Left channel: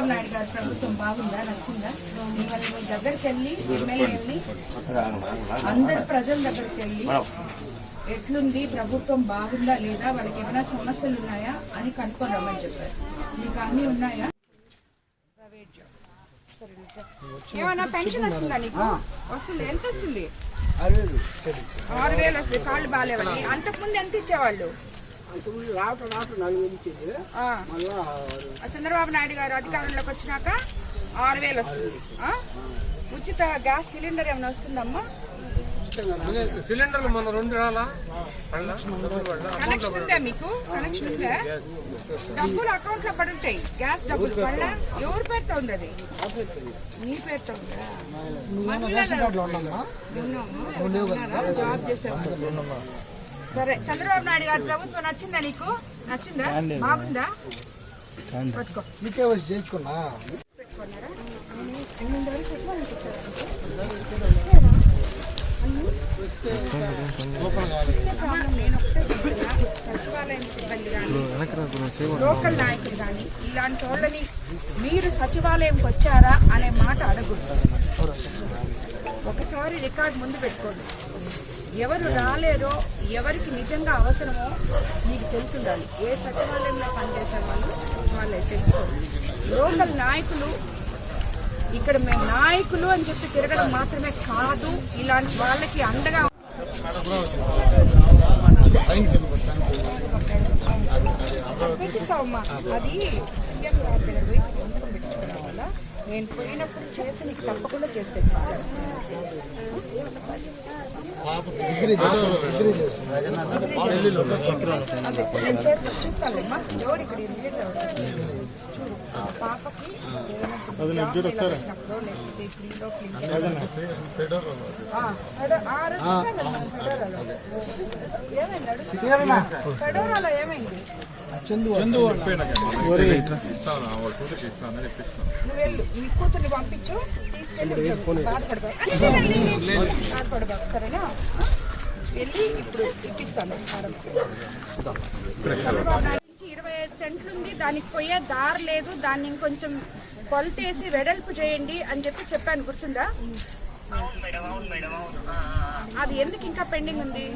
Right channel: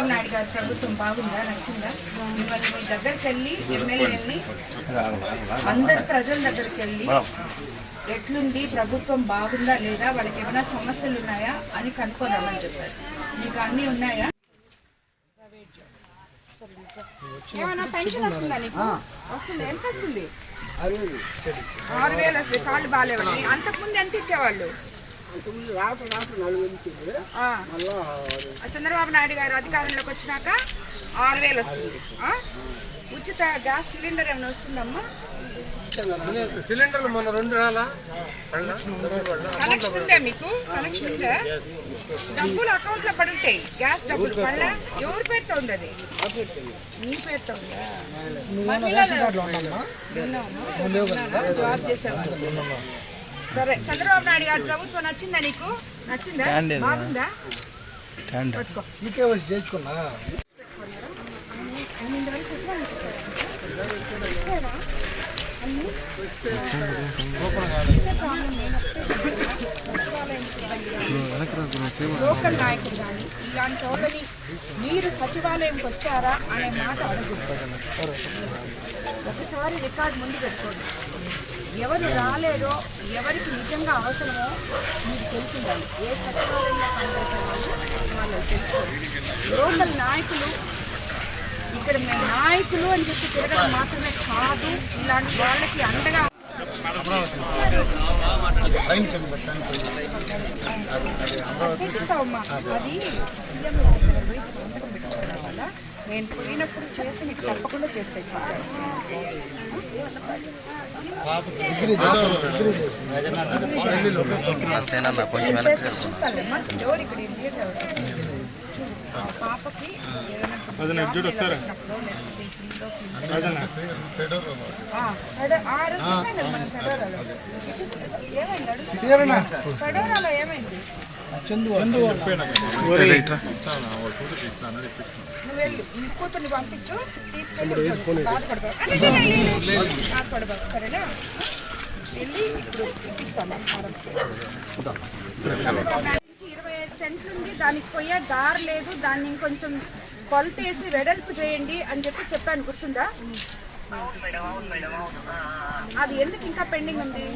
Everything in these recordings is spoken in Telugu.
చంద్రబాబు నాయుడు గారి ప్రభుత్వం బాగుందా, నచ్చిందా? మిమ్మల్ని మీ దగ్గరికి వెళ్ళి ఎమ్మెల్యేని అందరు ప్రజల దగ్గరికి వెళ్ళి ఎట్లుంది ప్రభుత్వం బాగుందా లేదా, వాళ్ళకి ఏమైనా సమస్యలు ఉన్నాయా అని కనుక్కోదామని చెప్పారు. మీకు అన్నీ ఉన్నాయా? ఏమైనా పెన్షన్ వస్తుందా నీకు? వస్తుంది. ఎంత వస్తుంది? 6,000 వస్తుంది. కాళ్ళు బాగాలేవని. అంతకుముందు ఎంత ఇచ్చేవాళ్ళు? చంద్రబాబు నాయుడు గారు అధికారంలోకి వచ్చినాక 6,000 వస్తుంది. ఉచిత గ్యాస్ సిలిండర్ ఏమైనా వస్తుందమ్మా? సిలిండర్లు మన 2 రాలా? కనెక్షన్ ఉందా మీకు? కనెక్షన్ ఉందా? డబ్బులు అకౌంట్ లో పడి ఉంటాయి. గ్యాస్ డబ్బులు పడలా? ఎవరి పేరుతో ఉంది అది? నీ పేరుతో ఉందా? జాబ్ చేసేవాళ్ళు. సరే, చంద్రబాబు నాయుడు గారి ప్రభుత్వం నచ్చిందా నీకు? నచ్చిందా? బాగుందా? చేసుకున్నా లోకల్ నాయకులు కానీ ఇలాంటి వాళ్ళని మీరు సచివాలయంకి వచ్చారా అనే మాట అడగకూడదు. ఒకసారి రికార్డు ముందు పెట్టుకోండి. ఎవరు రాలేదో, ఎవరికి నిజంగా అవసరమో మీకు తెలిసిండాలి. ఏ సచివాలయంలో పనిచేసే వాళ్ళు తెలుసుకోండి. లోకల్ నాయకులు ఇక్కడ మేము నాయకులు అని చెప్పి తిరగడం మాత్రమే కాదు, ఇలాంటి వాళ్ళకి అండగా చూపిస్తావమ్మా. అది సీఎం గారి దగ్గర పోయి సంతకం పెట్టుకోవడం వల్ల నేను పోయినప్పుడు చేసి నీకు తప్పకుండా చేస్తే చూస్తాను. చూస్తానమ్మా. ఎవరు ఇక్కడ పాపకి ఫెడోరాలో ఏమైంది? నువ్వు వెళ్ళి నీ కూతుర్ని పంపించు, తీసుకెళ్ళి బాధపడబాకు. సరేనా? వెళ్ళి ఇప్పుడు ఇప్పిస్తాను. 25 సెంట్లు ఉంది, దానికి పోయే దారి లేదు. దాన్ని ఇంకొంచెం కొలతేసి వెడల్పు చేయండి అని చెప్పాను, గుర్తుందా? అది ఎందుకు ఇంకా పెండింగ్ ఉంది?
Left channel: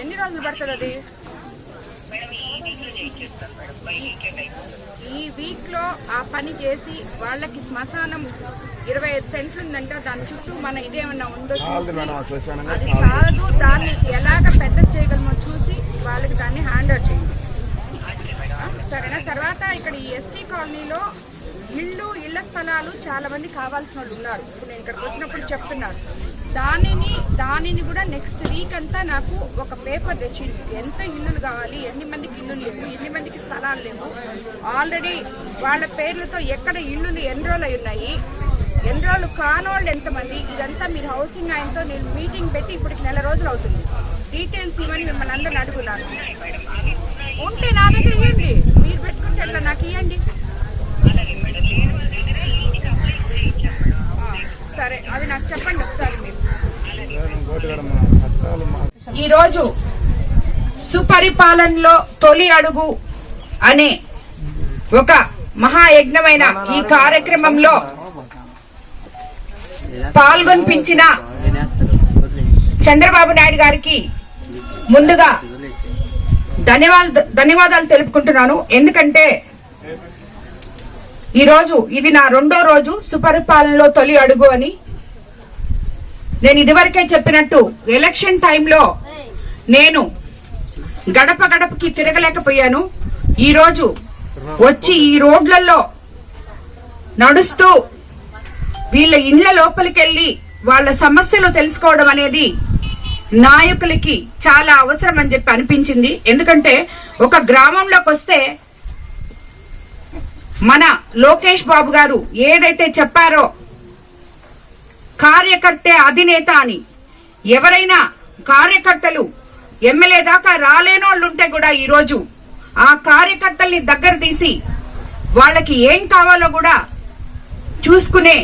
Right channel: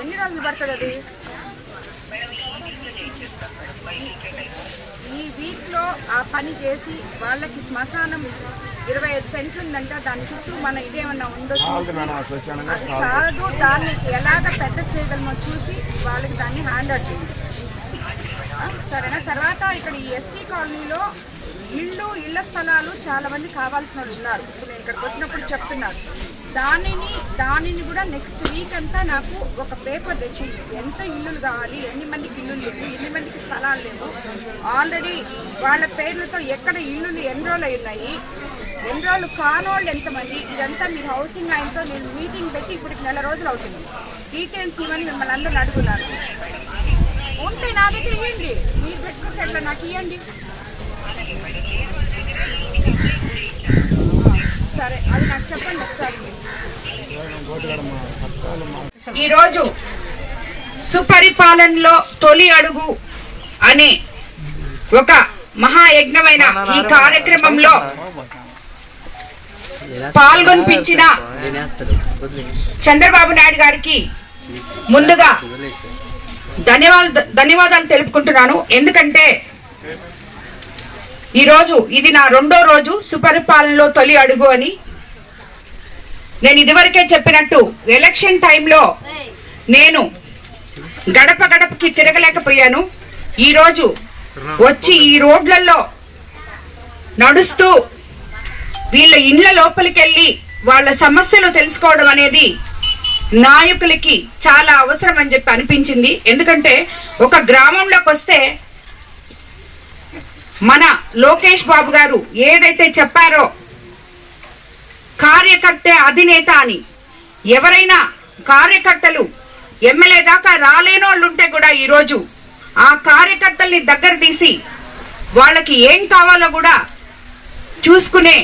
ఎన్ని రోజులు పడుతుంది అది? ఈ వీక్ లో ఆ పని చేసి వాళ్ళకి శ్మశానం 25 సెంట్స్ ఉందంటే దాని చుట్టూ మన ఇదేమన్నా ఉందో చూసి, అది చాలదు, దాన్ని ఎలాగ పెద్ద చేయగలమో చూసి వాళ్ళకి దాన్ని హ్యాండ్ అవుట్ చేయండి. సరేనా? తర్వాత ఇక్కడ ఈ ఎస్టీ కాలనీలో ఇళ్ల స్థలాలు చాలా మంది కావాల్సిన వాళ్ళు ఉన్నారు. ఇప్పుడు నేను ఇక్కడికి వచ్చినప్పుడు చెప్తున్నారు. దానిని కూడా నెక్స్ట్ వీక్ అంతా నాకు ఒక పేపర్ తెచ్చి ఎంత ఇల్లులు కావాలి, ఎన్ని మందికి ఇల్లులు లేవు, ఎన్ని మందికి స్థలాలు లేవు, ఆల్రెడీ వాళ్ళ పేర్లతో ఎక్కడ ఇల్లులు ఎన్రోల్ అయి ఉన్నాయి, ఎన్రోల్ కానోళ్ళు ఎంతమంది, ఇదంతా మీరు హౌసింగ్ ఆయనతో నేను మీటింగ్ పెట్టి ఇప్పటికి 1 నెల రోజులు అవుతుంది. డీటెయిల్స్ ఇవ్వని మిమ్మల్ని అందరిని అడుగున్నారు. ఉంటే నా దగ్గర ఇవ్వండి, మీరు పెట్టుకుంటే ఎట్లా నాకు ఇవ్వండి. సరే, అది నాకు చెప్పండి ఒకసారి. మీరు ఈరోజు సుపరిపాలనలో తొలి అడుగు అనే ఒక మహాయజ్ఞమైన ఈ కార్యక్రమంలో పాల్గొనిపించిన చంద్రబాబు నాయుడు గారికి ముందుగా ధన్యవాదాలు తెలుపుకుంటున్నాను. ఎందుకంటే ఈరోజు ఇది నా 2వ రోజు సుపరిపాలనలో తొలి అడుగు అని. నేను ఇదివరకే చెప్పినట్టు ఎలక్షన్ టైంలో నేను గడప గడపకి తిరగలేకపోయాను. ఈరోజు వచ్చి ఈ రోడ్లలో నడుస్తూ వీళ్ళ ఇండ్ల లోపలికెళ్ళి వాళ్ళ సమస్యలు తెలుసుకోవడం అనేది నాయకులకి చాలా అవసరం అని చెప్పి అనిపించింది. ఎందుకంటే ఒక గ్రామంలోకి వస్తే మన లోకేష్ బాబు గారు ఏదైతే చెప్పారో కార్యకర్తే అధినేత అని, ఎవరైనా కార్యకర్తలు ఎమ్మెల్యే దాకా రాలేనోళ్ళు ఉంటే కూడా ఈరోజు ఆ కార్యకర్తల్ని దగ్గర తీసి వాళ్ళకి ఏం కావాలో కూడా చూసుకునే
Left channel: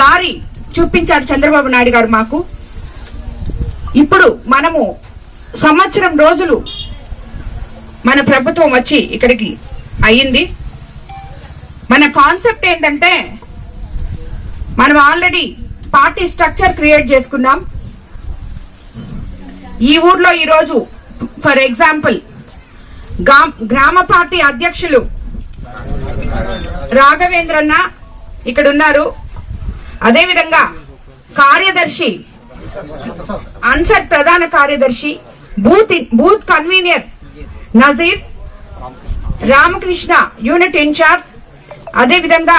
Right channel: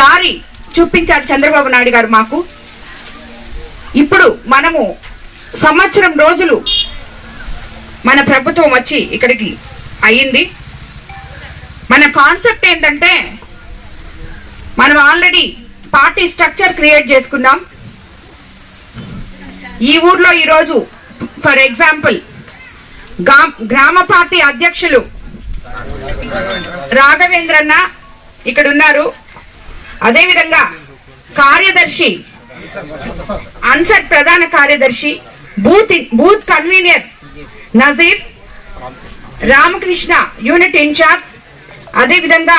దారి చూపించారు చంద్రబాబు నాయుడు గారు మాకు. ఇప్పుడు మనము సంవత్సరం రోజులు మన ప్రభుత్వం వచ్చి ఇక్కడికి అయ్యింది. మన కాన్సెప్ట్ ఏంటంటే మనం ఆల్రెడీ పార్టీ స్ట్రక్చర్ క్రియేట్ చేసుకున్నాం. ఈ ఊర్లో ఈరోజు ఫర్ ఎగ్జాంపుల్ గ్రామ పార్టీ అధ్యక్షులు రాఘవేంద్రన్న ఇక్కడ ఉన్నారు. అదేవిధంగా కార్యదర్శి అన్సర్ ప్రధాన కార్యదర్శి, booth convener Nazeer, Ramakrishna unit incharge, అదేవిధంగా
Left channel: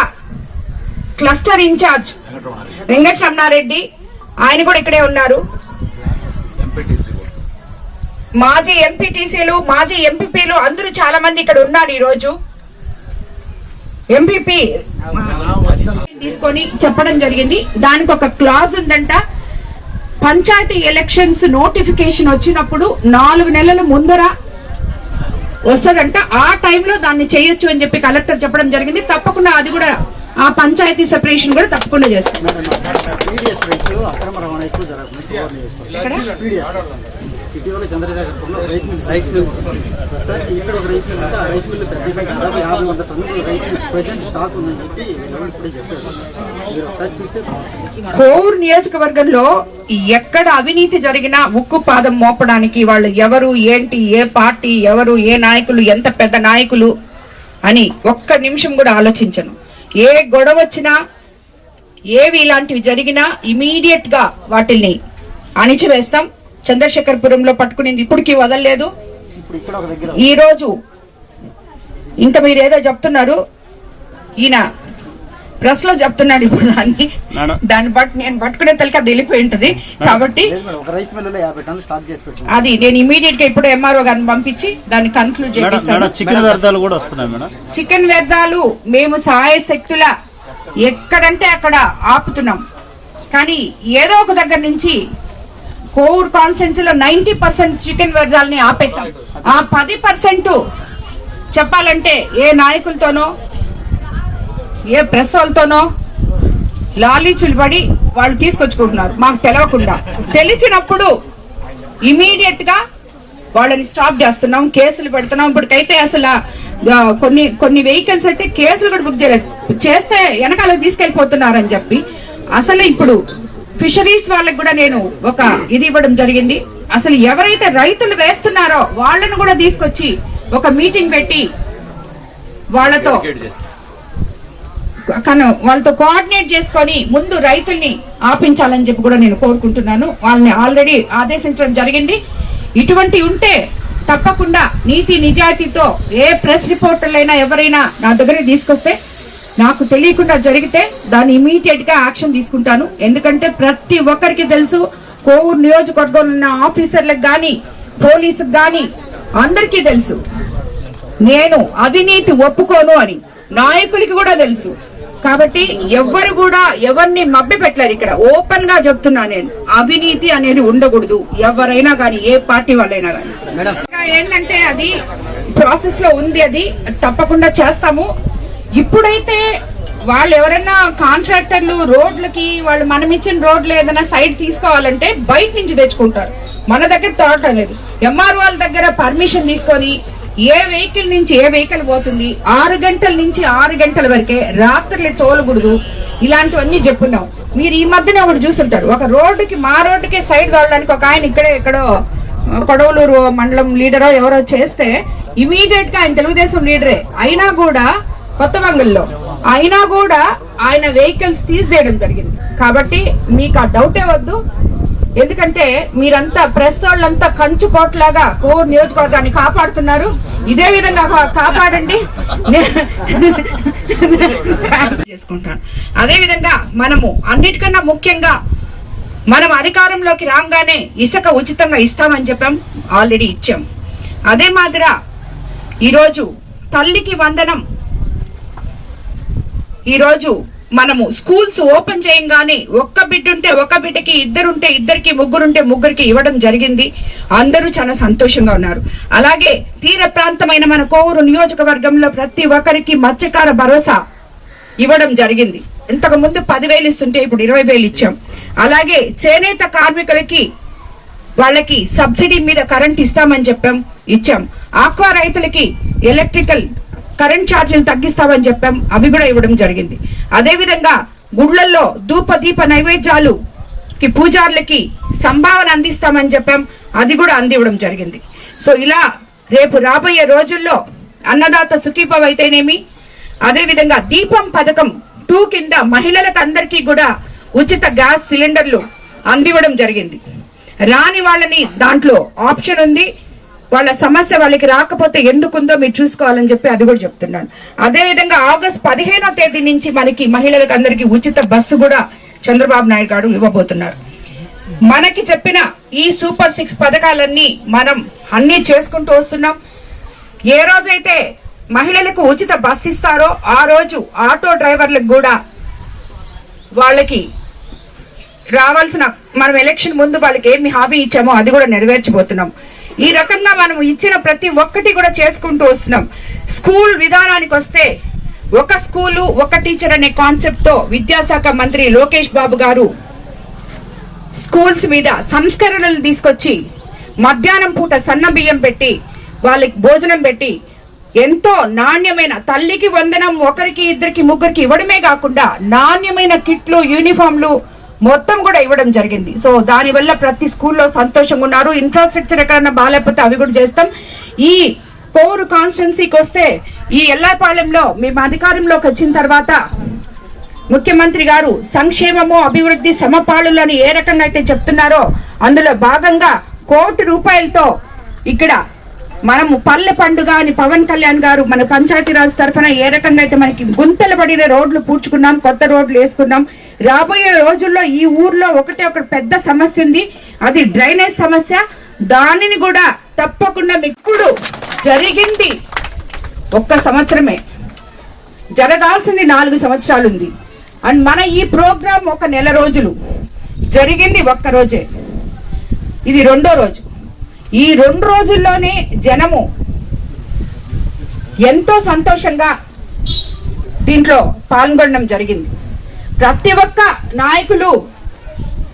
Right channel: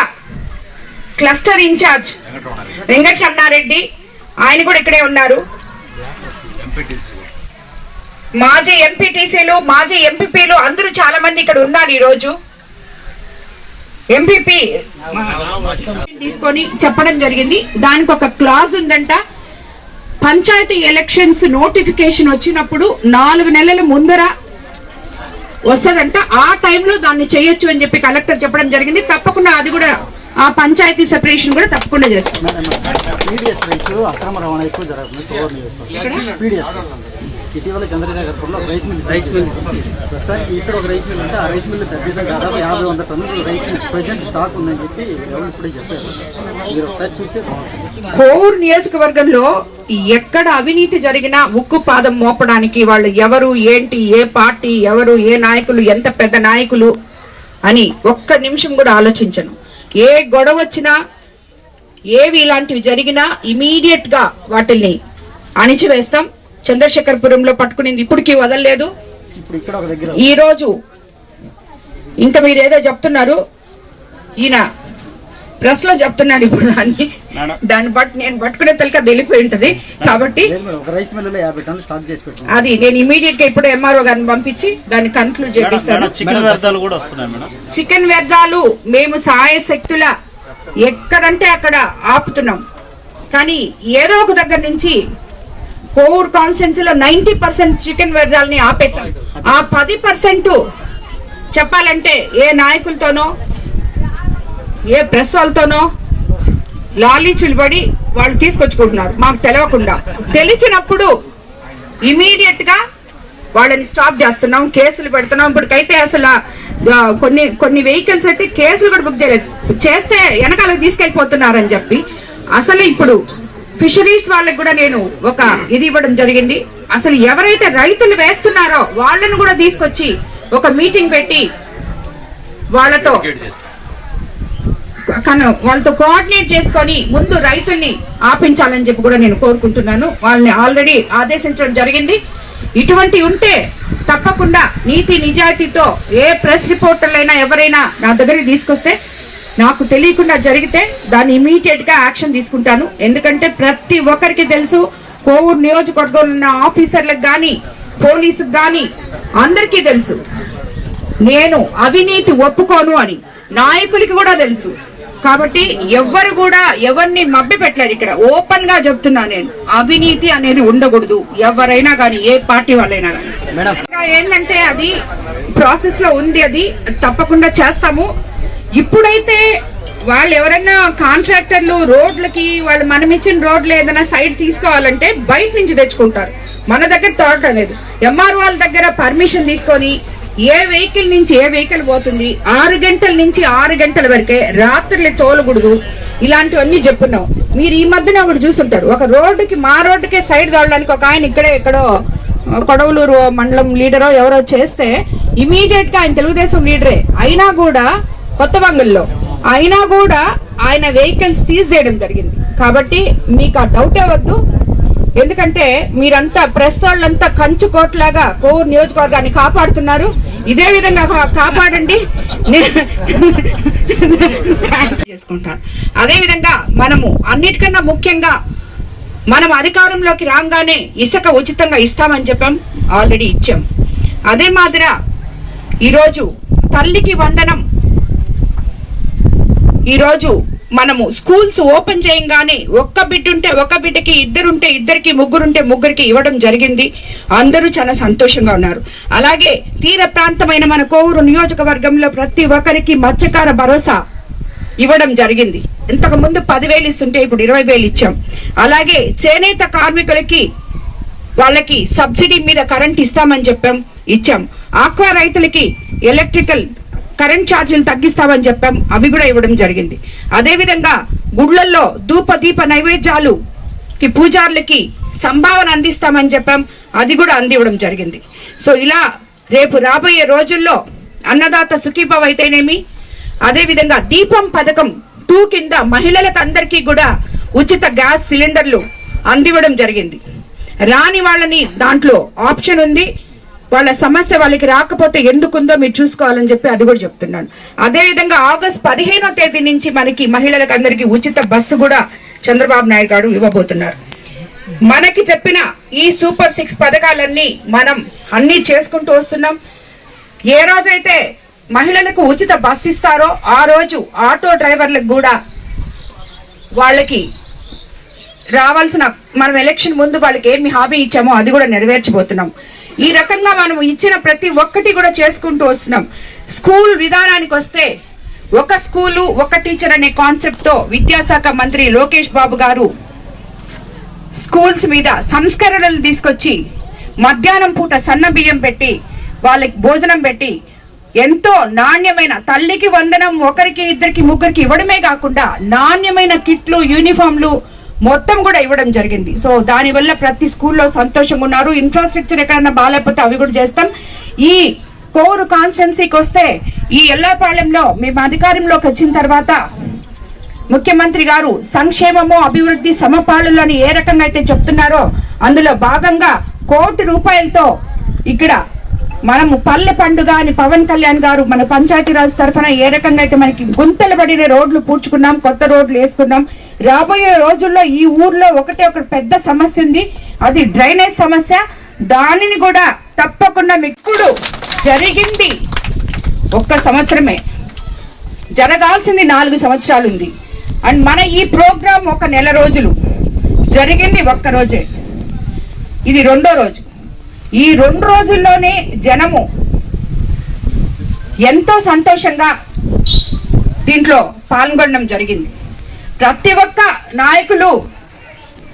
క్లస్టర్ ఇన్ఛార్జ్ వెంకటరమణారెడ్డి, ఆయన కూడా ఇక్కడే ఉన్నారు. మాజీ ఎంపీటీసీలు, మాజీ ఎంపీపీలు అందరూ చాలా మంది ఇక్కడ ఉన్నారు. ఈ రోజు ఎంపీపీ తీసుకొని చెప్పడం జరిగింది. దానికి ఒక క్లాజ్ ఉందంట. పంచాయతీ ఎలక్షన్స్ నోటిఫికేషన్ వచ్చినప్పుడు 4 నెలల ముందర వస్తదంట. ఆ టైంలో దాన్ని చేయొచ్చు అని చెప్పి కలెక్టర్ చెప్పడం జరిగింది. తప్పకుండా అది కూడా ఆ పంచాయతీ సెపరేషన్ కూడా తప్పకుండా చేస్తాం. ఇటీవల చంద్రశేఖర్పురంలో రైస్ మిల్ ఇక్కడ ఒక రైస్ మిల్ ఉంటే ఆ రైస్ మిల్ దాదాపు 50-100 టన్నుల రైస్ ప్రెసెంట్ స్టాక్ ఉందని చెప్పి ఇప్పుడే చెప్పారు. మీరు ఒకసారి చూస్తే కోవూరు నియోజకవర్గంలో ఎక్కడ అవినీతి జరిగినా ఉక్కు పాదం మోపడానికి వాళ్ళు ఎవరు, ఏంటి, ఏ పార్టీ, ఎవరు, ఏ నాయకులు, ఎంత పెద్ద నాయకులు అని ఒక్క నిమిషం కూడా ఆలోచించను. ఏ గొడవ వచ్చినా, ఏవి ఇలాంటివి జరిగినా ఇమీడియట్ గా వాటిల్ని అణిచివేస్తాం. చంద్రశేఖర్పురంలో పట్టుకునింది ఇప్పటికీ వదలలేదు. ఈ రోజు ఇంకా మీరు ఏదో చెప్తున్నారు, ఈయన ప్రెస్ లో చెప్తున్నాడు. ఇప్పుడు దాన్ని బట్టి నేను పట్టుకునే తలక వెళ్ళిపోయి ఉంటది. కాబట్టి అది నేను ఇమీడియట్ గా ఇప్పుడు ఎంఆర్ఓ గారిని పంపించి దాన్ని కన్క్లూడ్ చేపిస్తాను. చికెన్ వ్యర్థాలు మేము సహాయ శక్తుల ఎక్కడంటే అక్కడ ఆపుతున్నాం. కానీ ఏదో ఒక దగ్గర నుంచి కోవూరు కాన్స్టిట్యున్సీలో 90% చికెన్ వ్యర్థాలని ఆపేశాం. ఆ 10% చెప్పాలంటే ఏ నాయకులతోనో, ఏ ప్రెస్ వాళ్ళతోనో లాలీచులు పడి వాళ్ళు తీసుకొచ్చుకుంటున్నారు. మాకు తెలియకుండా. తెలిసినప్పుడు ఇమీడియట్ గా వాళ్ళని స్టాప్ చేస్తున్నాం, కేసులు పెడుతున్నాం. ఇప్పటికైతే అసలు కొన్ని వెహికల్స్ అయితే కేసులు కూడా బుక్ చేయలేదు. చేస్తే వెనకాలకు తీసుకెళ్లిపోతున్నారని చెప్పి అసలు ఇప్పుడు ఫిషరీస్ వాళ్ళకి కూడా నేను ఒక ఇది ఇవ్వడం జరిగింది. అసలు ఎవరైతే రైతులు వేస్తున్నారో వాళ్ళని కూడా తీసుకొచ్చి ఒక మీటింగ్ పెట్టి వాళ్ళతో కోఆర్డినేట్ చేసుకొని ముందు రైతుల్ని ఆపించాలని చెప్పి కూడా నేను కోరుకుంటున్నాను. వాళ్ళని ఆల్రెడీ ఆదేశించడం జరిగింది. ఇటువంటి ఉంటే తప్పకుండా నీతి నిజాయితీతో ఏ ప్రెస్ రిపోర్టర్లైనా ఎవరైనా నా దగ్గరికి తీసుకొస్తే, నాకు తెలియకుండా జరిగితే దాన్ని ఇమీడియట్ గా యాక్షన్ తీసుకుంటాను. ఎందుకంటే ప్రతి ఒక్కరికి తెలుసు, కోవూరు నియోజకవర్గంలో ఉన్న ఆఫీసర్లకు గాని, పోలీసుకు గాని అందరికీ తెలుసు నేను అవినీతి ఒప్పుకోను అని. నాయకులకి కూడా తెలుసు. కాబట్టి ఎవ్వరు కూడా ఎవరిని మభ్య పెట్టలేరు. ఇక్కడ ఓపెన్ గా చెప్తున్నా, నేను అవినీతి అనేది ఉండకూడదు. ఎవరైనా గాని, ఏ పార్టీ వాళ్ళైనా గాని. ఏంటంటే అది ప్రాసెస్ లో ఉంది. అది తప్పకుండా చేస్తాము. ఇప్పుడైతే వాళ్ళు ఎవరైనా కాంట్రాక్టర్లు రోడ్లకి వాళ్ళు మనం ఇచ్చిన రోడ్లు ఏదైనా సైడ్ తీసుకోవాలంటే బయట నుంచి తెచ్చుకుంటారు. మన దగ్గర తోట అనేది ఎంఆర్ వాళ్ళ దగ్గర పర్మిషన్ తీసుకొని ఏ వెహికల్ నుంచి ఏ వెహికల్ పోతుంది, 6 గంటల నుంచి 6 గంటల వరకే, రాత్రులు తోలకూడదు. ఇలాంటివన్నీ చెప్పున్నాం. మీరు ఈ మధ్యన ఒకటి చూస్తుంటారు, ఒక రోడ్డుకి మా రోడ్డుకే సైడ్ తోలడానికి ఒక ఆయన ఇక్కడే ఎక్కడో కొడవలూరు మండలం లీడరో ఎవరో చేస్తే ఇమీడియట్ గా ఆయన తెలుగుదేశం లీడరే అయినా కూడా, కొత్త బంగల్లో అయినా కూడా ఆయన వెహికల్స్ సీజ్ చేయడం జరిగింది. కాబట్టి మీకు ఆ డౌటే వద్దు. ఎందుకంటే మీరంతా ప్రెస్ వాళ్ళంతా కంచు కోట్లాగా కోవూరు నియోజకవర్గాన్ని కాపాడుతున్నారు. ఇదే విధంగా కాపాడండి చేసుకుంటాను. అదే విధంగా మనము అన్నిటికన్నా ముఖ్యంగా మనం అధికారంలోకి రాగానే ఇసుక ఉచితంగా ఇస్తామని చెప్పాం, ఆల్రెడీ ఇచ్చాం. అదే మాదిరా ఈరోజు తల్లికి వందనం, ఈరోజు మనము స్కూల్స్ ఓపెన్ చేయంగానే ఒక్క బిడ్డ ఉంటే ఒక బిడ్డకి, ఇద్దరుంటే ఇద్దరికి, ముగ్గురుంటే ముగ్గురికి ఇవ్వడం జరిగింది. అందరూ చాలా సంతోషంగా ఉన్నారు. అలాగే తీర ప్రాంతమైన మన కోవూరు నియోజకవర్గంలో ప్రతి ఒక్కరికి మత్స్యకార భరోసా ఇవ్వడం జరిగింది. ఇంతకు ముందు 10,000 ఇస్తుంటే ఇప్పుడు 20,000 ఇచ్చాం. అలాగే చేనేత కార్మికులకి వాళ్ళకి సబ్సిడీ మీద కరెంట్ ఇస్తామని ఇచ్చాం. ఆక్వా రైతులకి ఎలక్ట్రికల్ కరెంట్ ఛార్జీలు తగ్గిస్తామని చెప్పాం, అవి కూడా ఇవ్వడం జరిగింది. అదే విధంగా గుళ్ళల్లో ధూపదీప నైవేద్యాలుకి పూజారులకి సంభావన అందిస్తామని చెప్పాం, అది కూడా అందివ్వడం జరిగింది. సో ఇలా రేపు రాబోయే రోజుల్లో అన్నదాత సుఖీభవ అయితేనేమి, అదే విధంగా దీపం పథకం 2 కింద మహిళలకు అందరికీ కూడా ఉచిత గ్యాస్ సిలిండర్లు అందివ్వడం జరిగింది. రాని వాళ్ళని దాంట్లో ఆప్షన్ ఉంది, వాళ్ళ సమస్య వాళ్ళకి రాకపోతే ఎందుకుందో మీరు చూసుకోవాలని చెప్పి అది కూడా చెప్తున్నాను. అదే విధంగా ఆగస్టు 15వ తేదీ నుంచి మనకి మహిళలకు అందరికీ ఉచిత బస్సు కూడా చంద్రబాబు నాయుడు గారు ఇవ్వబోతున్నారు. మనకి చెప్పిన ఈ సూపర్ 6 పథకాలన్నీ మనం అన్ని చేసుకుంటూ వస్తున్నాం. ఏ రోజైతే మహిళలకు ఉచిత బస్సు ఇస్తారో ఆ రోజు ఆటో డ్రైవర్లకు కూడా వాళ్ళకి రావాల్సిన, మనం ఎలక్షన్ ముందు వాళ్ళకి ఏమి హామీ ఇచ్చామో అది కూడా నెరవేర్చబోతున్నాం. ఈ రకంగా మనం ఇచ్చిన ప్రతి ఒక్కటి కూడా చేసుకుంటూ వస్తున్నాం. స్కూల్ విధానానికి వస్తే ఒక స్కూలు ఒక టీచర్ అనే కాన్సెప్ట్ తో విద్యాశాఖ మంత్రి లోకేష్ బాబు గారు స్కూల్స్ మీద సంస్కరణలు తీసుకొచ్చి మధ్యాహ్నం పూట సన్న బియ్యం పెట్టి వాళ్ళకి భోజనం పెట్టి ఎంతో నాణ్యమైన, తల్లికి వందనం ఒకరికి ఇద్దరికి ముగ్గురికి ఇవ్వడమే కాకుండా నాణ్యమైన కిట్లు, యూనిఫామ్లు మొత్తం కూడా ఇవ్వడం జరిగింది. సో దానివల్ల ప్రతి స్కూల్లో సంతోషంగా ఉన్నారు. ఇన్ఫ్రాస్ట్రక్చర్ ఎక్కడన్నా బాగాలేకపోతే అవి కూడా చేస్తాం. ఈ కోవూరు కాన్స్టిట్యున్సీకి వస్తే ఈ ఎల్లాపాలెంలో మేము అధికారంలోకి వచ్చిన తర్వాత ముఖ్యమంత్రి గారు సంక్షేమము అభివృద్ధి సమపాళులని ఏ రకంగా అయితే చెప్తున్నారో అందులో భాగంగా 1 కోటి రూపాయలతో ఇక్కడ మనము పల్లె పండుగ అని పవన్ కళ్యాణ్ గారు మన పంచాయతీరాజ్ తరఫున ఏ రకంగా అయితే మనకి గుంతలు పడిన రోడ్లు పూడ్చుకున్నాం, కొత్త రోడ్లు వేసుకున్నాం. రాబోయే రోజుల్లో ఈ ఊర్లో ఒకటి పెద్ద సమస్య ఉంది, అది డ్రైనేజ్ సమస్య. దానిని కూడా తప్పకుండా ఇప్పుడు జరిగింది 1 సంవత్సరమే, జరగాల్సింది 4 సంవత్సరాలు ఉంది. అండ్ మన ఈ ప్రోగ్రాం 1 నెల రోజులు, జరిగింది 1 రోజే, ఇది 2వ రోజు. ఈ 2 రోజుల్లోనే జనము ఎంతో సంతోషంగా దీంట్లో పాల్గొనడం జరిగింది. ప్రతి ఒక్క నాయకులు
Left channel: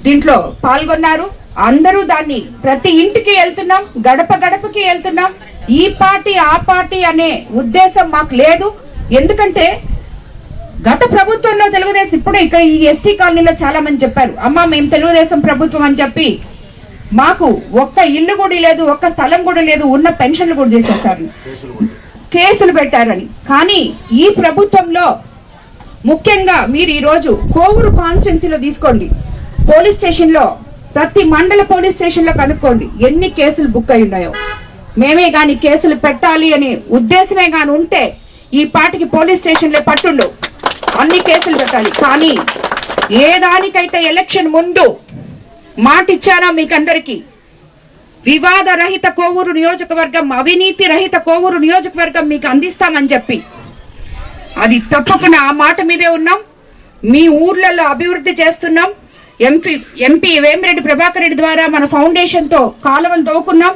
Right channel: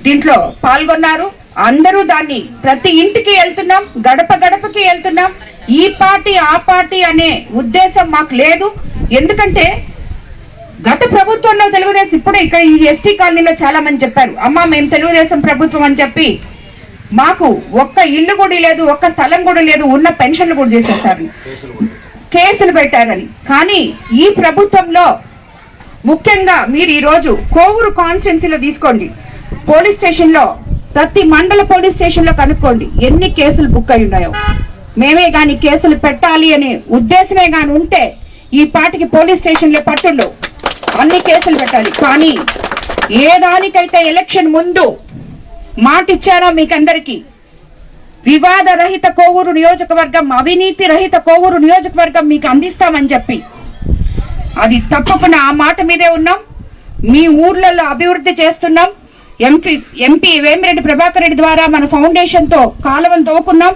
దీంట్లో పాల్గొన్నారు. అందరూ దాన్ని ప్రతి ఇంటికి వెళ్తున్నాం, గడప గడపకి వెళ్తున్నాం. ఈ పార్టీ ఆ పార్టీ అనే ఉద్దేశం మాకు లేదు. ఎందుకంటే గత ప్రభుత్వంలో తెలుగుదేశం, ఇప్పుడు ఇక్కడ ఈ ఎస్టీ కాలనీలో చాలా మంది చెప్పారు, అమ్మా మేము తెలుగుదేశం ప్రభుత్వం అని చెప్పి మాకు 1 ఇల్లు కూడా లేదు, 1 స్థలం కూడా లేదు, ఉన్న పెన్షన్లు కూడా చేసేసారు, కేసులు పెట్టారని. కానీ ఈ ప్రభుత్వంలో ముఖ్యంగా మీరు ఈ రోజు కోవూరు కాన్స్టిట్యున్సీలో తీసుకోండి, పోలీస్ స్టేషన్ లో ప్రతి మండల పోలీస్ స్టేషన్ లో కనుక్కోండి ఎన్ని కేసులు బుక్ అయి ఉన్నాయో. మేమే గాని కేసులు పెట్టాలి అనే ఉద్దేశమే గాని ఉంటే ఈ పాటికి పోలీస్ స్టేషన్లే పట్టుండు, అన్ని కేసులు పెట్టాలి. కానీ ఏ దానికైతే ఎలక్షన్ ముందు మాట ఇచ్చారో మీకందరికి, వివాద రహిత కోవూరు నియోజకవర్గం, అవినీతి రహిత కోవూరు నియోజకవర్గం మీకు అందిస్తామని చెప్పి అది తప్పకుండా ఆ మాట మీదే ఉన్నాం. మీ ఊర్లలో అభివృద్ధి చేస్తున్నాం. ఎంపీ వేమిరెడ్డి ప్రభాకర్ రెడ్డి ద్వారా మన ఫౌండేషన్ తో కాలువలు తవ్వుకున్నాం.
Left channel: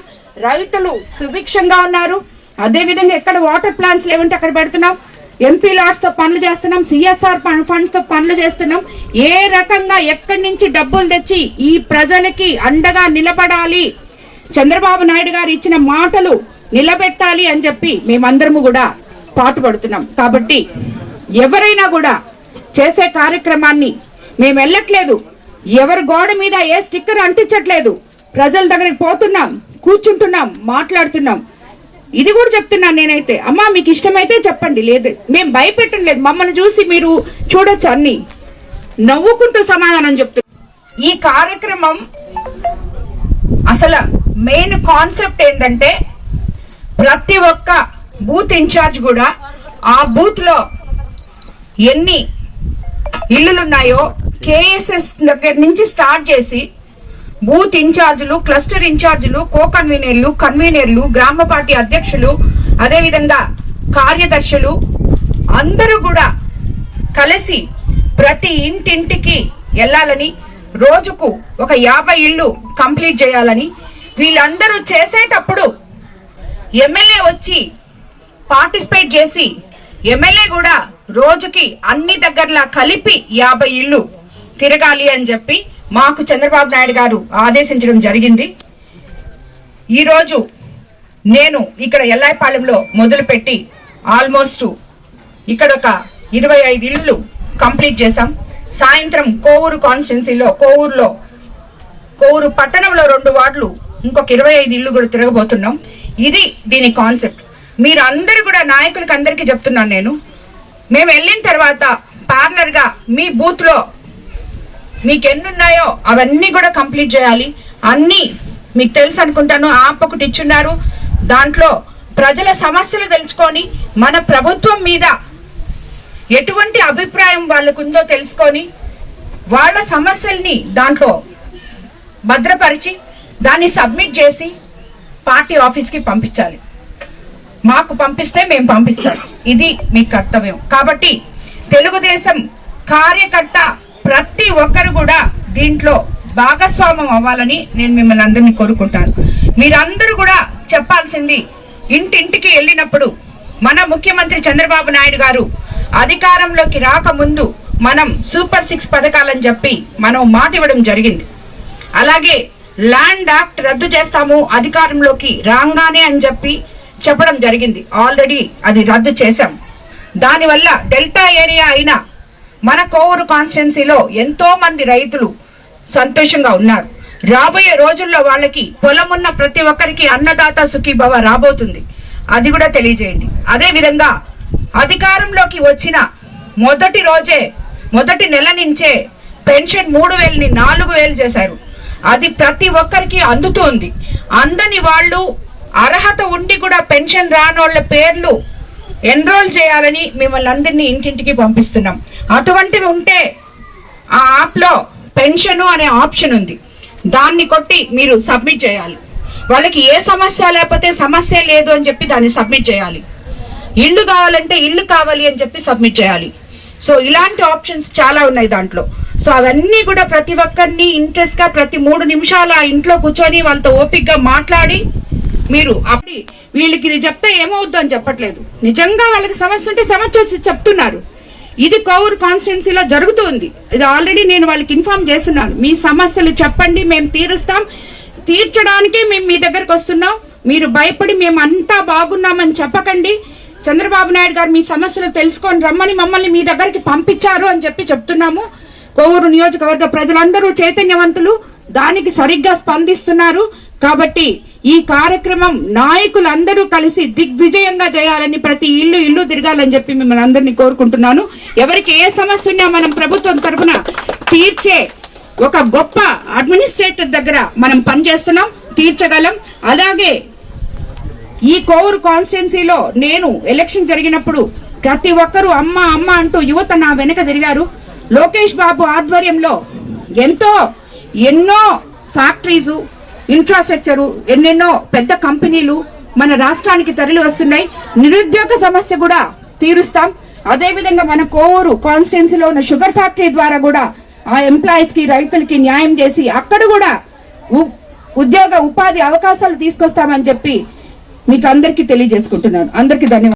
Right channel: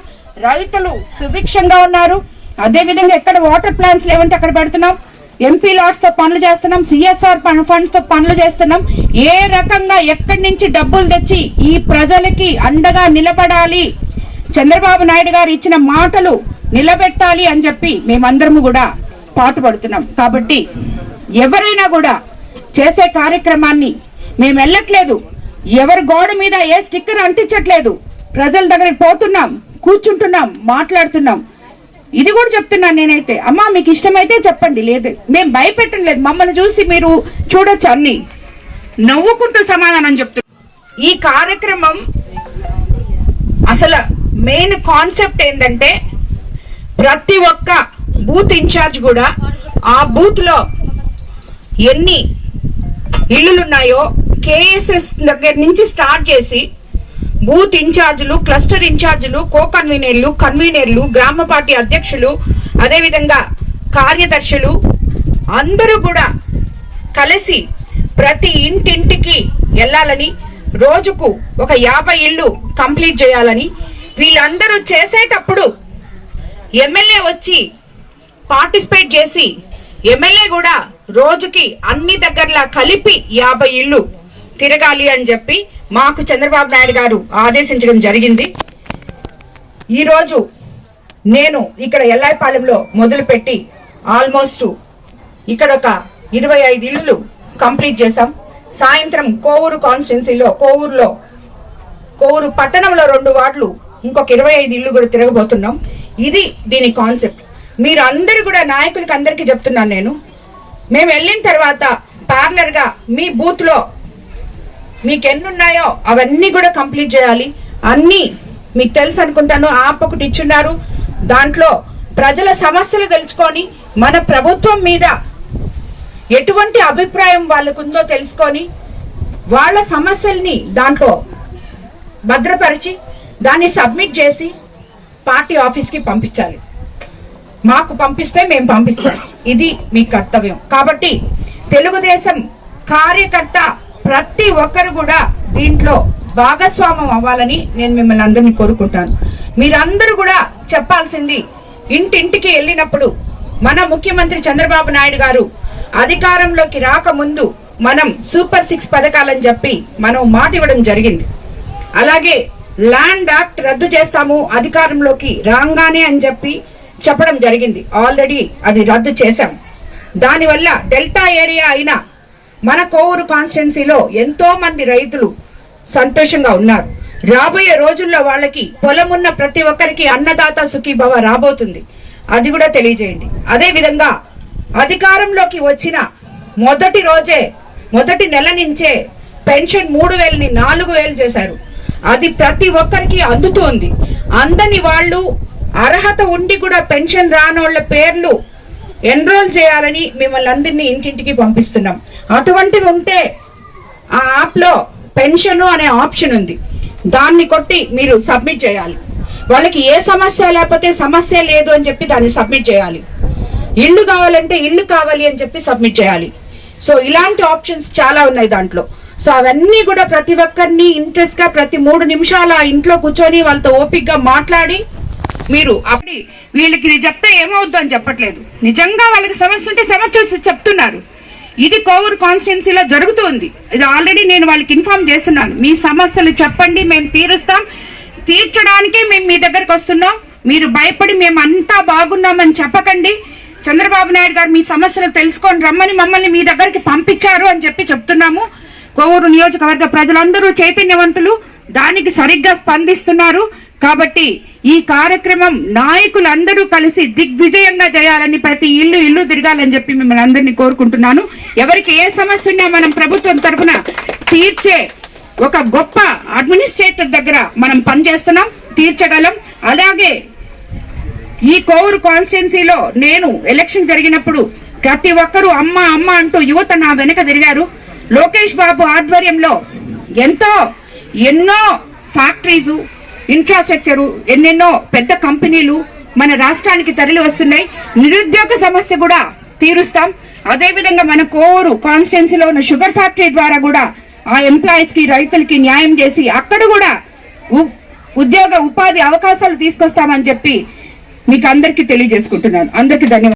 రైతులు సుభిక్షంగా ఉన్నారు. అదే విధంగా ఎక్కడ వాటర్ ప్లాంట్స్ లేవంటే అక్కడ పెడుతున్నాం. ఎంపీ లాట్స్ తో పనులు చేస్తున్నాం, సిఎస్ఆర్ ఫండ్స్ తో పనులు చేస్తున్నాం. ఏ రకంగా ఎక్కడి నుంచి డబ్బులు తెచ్చి ఈ ప్రజలకి అండగా నిలబడాలి, చంద్రబాబు నాయుడు గారు ఇచ్చిన మాటలు నిలబెట్టాలి అని చెప్పి మేమందరము కూడా పాటుపడుతున్నాం. కాబట్టి ఎవరైనా కూడా చేసే కార్యక్రమాన్ని మేము వెళ్ళట్లేదు, ఎవరి గోడ మీద ఏ స్టిక్కర్ అంటించట్లేదు, ప్రజల దగ్గరికి పోతున్నాం, కూర్చుంటున్నాం, మాట్లాడుతున్నాం. ఇది కూడా చెప్తున్నాను నేనైతే, అమ్మా మీకు ఇష్టమైతే చెప్పండి, లేదు మేము భయపెట్టడం లేదు. మమ్మల్ని చూసి మీరు చూడొచ్చు, అన్ని నవ్వుకుంటూ సమాధానం చెప్తున్నాం. ఈ కార్యక్రమం అసలు మెయిన్ కాన్సెప్ట్ ఏంటంటే ప్రతి ఒక్క బూత్ ఇన్ఛార్జ్ కూడా ఆ బూత్ లో ఎన్ని ఇళ్లున్నాయో కేఎస్ఎస్ దగ్గర నుంచి స్టార్ట్ చేసి బూత్ ఇన్ఛార్జీలు, క్లస్టర్ ఇన్ఛార్జీలు, కో కన్వీనర్లు, కన్వీనర్లు, గ్రామ పార్టీ అధ్యక్షులు, అదేవిధంగా కార్యదర్శులు అందరూ కూడా కలిసి ప్రతి ఇంటింటికి వెళ్ళాలని, రోజుకు ఒక 50 ఇళ్లు కంప్లీట్ చేయాలని, వీళ్ళందరూ చేసేటప్పుడు ఎమ్మెల్యే వచ్చి పార్టిసిపేట్ చేసి ఎమ్మెల్యే కూడా రోజుకి అన్ని దగ్గరలా కలిపి 50 ఇళ్లు తిరగాలి అని చెప్పి మాకు చంద్రబాబు నాయుడు గారు ఆదేశించడం జరిగింది. ఈరోజు నేను ఇక్కడ ఎల్లాయిపాలెంలో మొదలుపెట్టి ఆల్మోస్ట్ ఇక్కడ ఒక 25 ఇళ్ళు కంప్లీట్ చేశాం. సాయంత్రం కోవూరు కాన్స్టిట్యున్సీలో కోవూరు పట్టణంలో 2 వార్డులు ఇంకొక 25 ఇళ్ళు కూడా తిరగబోతున్నాం. ఇది దీని కాన్సెప్ట్. మీరు అందరూ కూడా నాయకులకి అందరికీ చెప్తున్నాను నేను, మేము వెళ్ళిన తర్వాత పార్లర్ గా మీ బూత్ లో మీకు ఎన్నున్నాయో అవన్నీ కూడా కంప్లీట్ చేయాలి. అన్ని మీకు తెలుసు అనుకుంటాను. యాప్ ఒకటి ఇచ్చున్నారు, దాంట్లో ప్రజల సమస్యలు తెలుసుకొని మన ప్రభుత్వం మీద ఎటువంటి అభిప్రాయం వాళ్ళకుందో తెలుసుకొని వాళ్ళ సమస్యల్ని దాంట్లో భద్రపరిచి దాన్ని సబ్మిట్ చేసి పార్టీ ఆఫీస్కి పంపించాలి. మాకు పంపిస్తే మేము పంపిస్తాం. ఇది మీ కర్తవ్యం. కాబట్టి తెలుగుదేశం కార్యకర్త ప్రతి ఒక్కరు కూడా దీంట్లో భాగస్వామ్యం అవ్వాలని నేను మిమ్మల్ని అందరినీ కోరుకుంటాను. మీరందరూ కూడా చెప్పాల్సింది, ఇంటింటికి వెళ్ళినప్పుడు మన ముఖ్యమంత్రి చంద్రబాబు నాయుడు గారు అధికారంలోకి రాకముందు మనం సూపర్ 6 పథకాలని చెప్పి మనం మాట ఇవ్వడం జరిగింది. అలాగే ల్యాండ్ యాక్ట్ రద్దు చేస్తాము అధికారంలోకి రాగానే అని చెప్పడం జరిగింది. ఆల్రెడీ అది రద్దు చేశాం. దానివల్ల డెల్టా ఏరియా అయిన మన కోవూరు కాన్స్టిట్యున్సీలో ఎంతో మంది రైతులు సంతోషంగా ఉన్నారు. రాబోయే రోజుల్లో వాళ్ళకి పొలం ఉన్న ప్రతి ఒక్కరికి అన్నదాత సుఖీభవ రాబోతుంది. అది కూడా తెలియజేయండి. అదే విధంగా అధికారంలోకి వచ్చిన మొదటి నెల నుంచే పెన్షన్ 3,000ని 4,000 చేశారు. అది ప్రతి ఒక్కరికి అందుతుంది. అందని వాళ్ళు అర్హత ఉండి కూడా పెన్షన్ రానోళ్ల పేర్లు ఎన్రోల్ చేయాలని మిమ్మల్ని అందరినీ ఇంటింటికి పంపిస్తున్నాం. అటువంటివి ఉంటే ఆ యాప్ లో పెన్షన్ అనే ఆప్షన్ ఉంది, దాన్ని కొట్టి మీరు సబ్మిట్ చేయాలి. వాళ్ళకి ఏ సమస్య లేకపోతే సమస్య లేదు అని చెప్పి దాన్ని సబ్మిట్ చేయాలి. ఇల్లు కావాలంటే ఇల్లు కావాలి అని చెప్పి సబ్మిట్ చేయాలి. సో ఇలాంటి ఆప్షన్స్ చాలా ఉన్నాయి దాంట్లో. సో అవన్నీ కూడా ప్రతి ఒక్కరిని ఇంట్రెస్ట్ గా ప్రతి 3 నిమిషాలు ఆ ఇంట్లో కూర్చొని వాళ్ళతో ఓపిక్ గా మాట్లాడి మీరు అప్పుడు వీళ్ళకి ఇది చెప్తే ఏమవుద్దు అని చెప్పట్లేదు. నిజంగా వాళ్ళకి సమస్య ఉంటే సమస్య చెప్తున్నారు. ఇది కోవూరు కాన్స్టిట్యున్సీలో జరుగుతుంది. ఇది ఆల్రెడీ నేను వాళ్ళకి ఇన్ఫార్మ్ చేస్తున్నాను. మీ సమస్యలు చెప్పండి, మేము తీరుస్తాం. తీర్చడానికి మేము మీ దగ్గరకు వస్తున్నాం. మీరు భయపడి మేము అంతా బాగున్నామని చెప్పకండి. చంద్రబాబు నాయుడు గారు మీ సమస్యలు తెలుసుకొని రమ్మని మమ్మల్ని మీ దగ్గరికి పంపించారు అని చెప్పి చెప్తున్నాము. కోవూరు నియోజకవర్గ ప్రజలందరూ చైతన్యవంతులు, దానికి సరిగ్గా స్పందిస్తున్నారు. కాబట్టి ఈ కార్యక్రమం నాయకులందరూ కలిసి దిగ్విజయంగా చేయాలని, ప్రతి ఇల్లు తిరగాలని చెప్పి మిమ్మల్ని అందరినీ కోరుకుంటున్నాను. ఎవరికి ఏ సమస్య ఉన్నా మనం ప్రభుత్వం తరఫున తీర్చే ఒక గొప్ప అడ్మినిస్ట్రేటర్ దగ్గర మనం పనిచేస్తున్నాం, తీర్చగలం. అలాగే ఈ కోవూరు కాన్స్టిట్యున్సీలో నేను ఎలక్షన్ జరిగినప్పుడు ప్రతి ఒక్కరూ అమ్మ అమ్మ అంటూ యువత నా వెనక తిరిగారు. లోకేష్ బాబు ఆధ్వర్యంలో ఎన్నో ఫ్యాక్టరీస్, ఇన్ఫ్రాస్ట్రక్చరు, ఎన్నెన్నో పెద్ద కంపెనీలు మన రాష్ట్రానికి తరలి వస్తున్నాయి. నిరుద్యోగ సమస్య కూడా తీరుస్తాం. అదేవిధంగా మన కోవూరు కాన్స్టిట్యున్సీలో ఉన్న షుగర్ ఫ్యాక్టరీ ద్వారా కూడా ఆ ఎంప్లాయీస్ కి, రైతులకి న్యాయం చేసి అక్కడ కూడా ఉపాధి అవకాశాలు తీసుకొస్తామని చెప్పి మీకు అందరికీ తెలియజేసుకుంటున్నాను. అందరికీ ధన్యవాదాలు.